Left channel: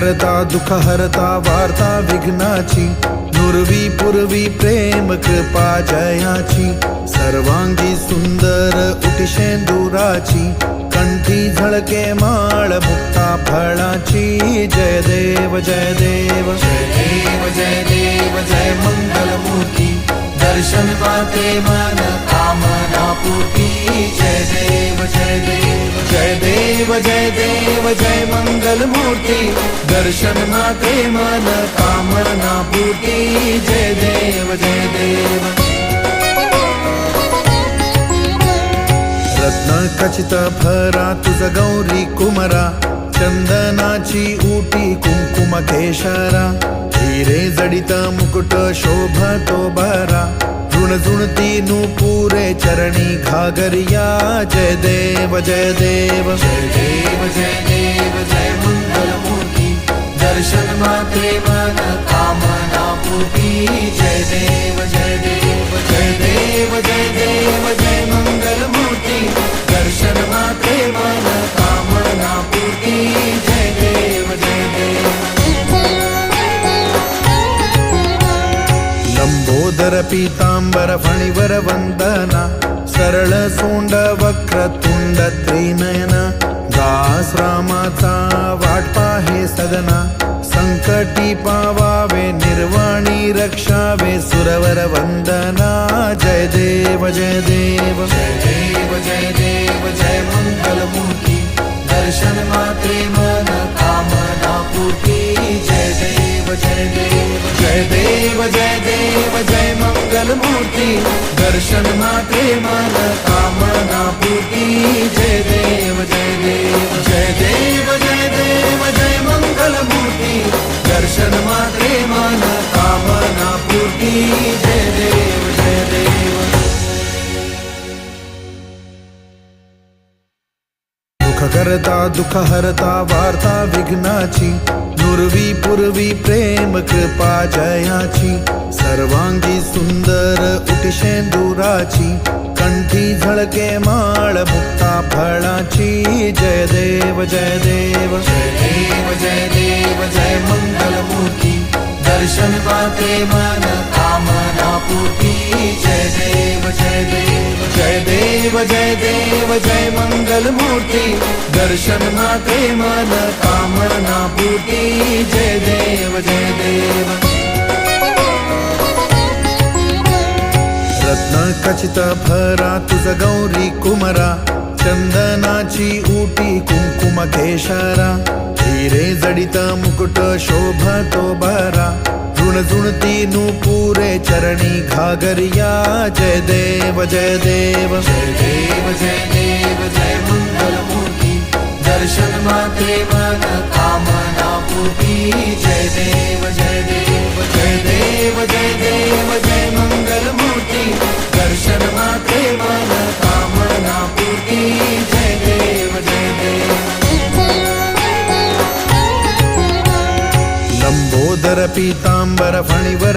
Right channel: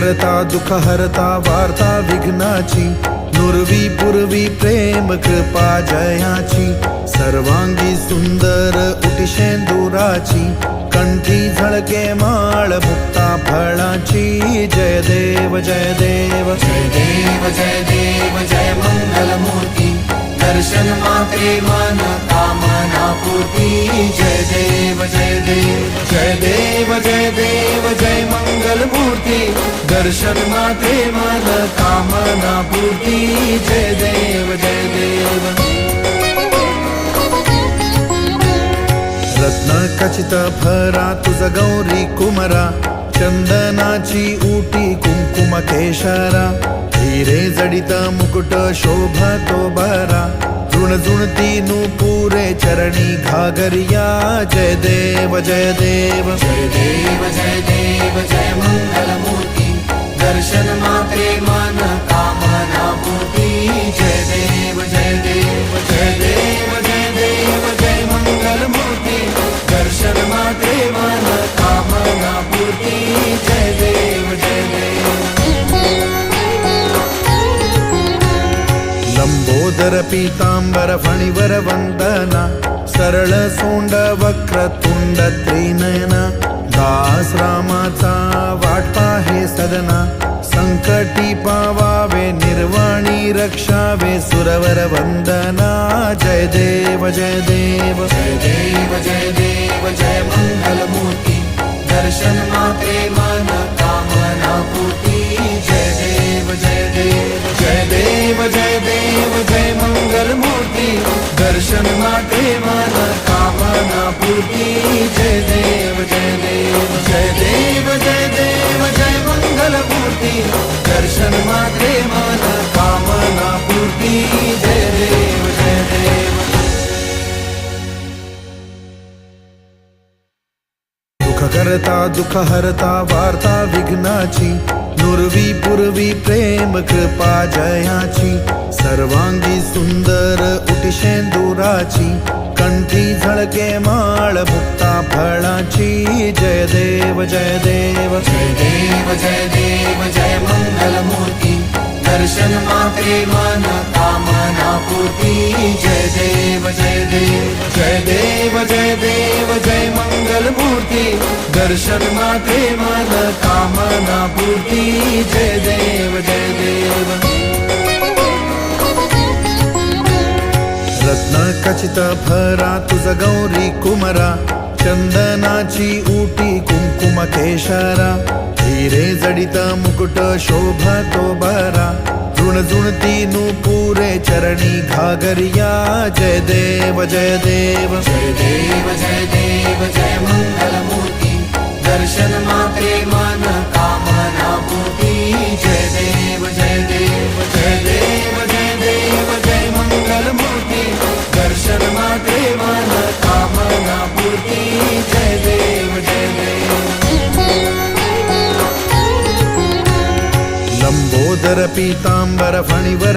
करता दुःख हरता वार्ता विघ्नाची नुरवी पुरवी प्रेम कृपा जयाची सर्वांगी सुंदर उटी शेंदुराची कंठी झळके माळ मुक्ता फळाची जय देव जय देव जय देव जय देव जय मंगल मूर्ती दर्शन मात्रे मन कामना पूर्ती जय देव जय देव जय देव जय देव जय मंगल मूर्ती दर्शन मात्रे मन कामना पूर्ती जय देव जय देव रत्न खचित भरा तुझ गौरी कुमरा चंदनाची उटी कुंकुम केशरा हिरे जडित मुकुट शोभतो बरा ऋणझुणती नुपुरे चरणी घागरिया जय देव जय देव जय देव जय देव जय मंगल मूर्ती दर्शन मात्रे मन कामना पूर्ती जय देव जय देव जय देव जय देव जय मंगल मूर्ती दर्शन मात्रे मन कामना पूर्ती जय देव जय देव लंबोदर पीतांबर फणिवर वंदना सरळ सोंड वक्र तुंड त्रिनयना दास रामाचा वाट पाहे सदना संकटी पावावे निर्वाणी रक्षावे सुरवर वंदना जय देव जय देव जय देव जय देव जय मंगल मूर्ती दर्शन मात्रे मन कामना पूर्ती जय देव जय देव जय देव जय देव जय मंगल मूर्ती दर्शन मात्रे मन कामना पूर्ती जय देव जय देव जय देव जय देव जय मंगल मूर्ती दर्शन मात्रे मन कामना पूर्ती जय देव जय देव दुःख करता दुःख हरता वार्ता विघ्नाची नुरवी पुरवी प्रेम कृपा जयाची सर्वांगी सुंदर उटी शेंदुराची कंठी झळके माळ मुक्ता फळाची जय देव जय देव जय देव जय देव जय मंगल मूर्ती दर्शन मात्रे मन कामना पूर्ती जय देव जय देव जय देव जय देव जय मंगल मूर्ती दर्शन मात्रे मन कामना पूर्ती जय देव जय देव रत्न खचित भरा तुझ गौरी कुमरा चंदनाची उटी कुंकुम केशरा हिरे जडित मुकुट शोभतो बरा ऋणझुणती नुपुरे चरणी घागरिया जय देव जय देव जय देव जय देव जय मंगल मूर्ती दर्शन मात्रे मन कामना पूर्ती जय देव जय देव जय देव जय देव जय मंगल मूर्ती दर्शन मात्रे मन कामना पूर्ती जय देव जय देव लंबोदर पीतांबर फणिवर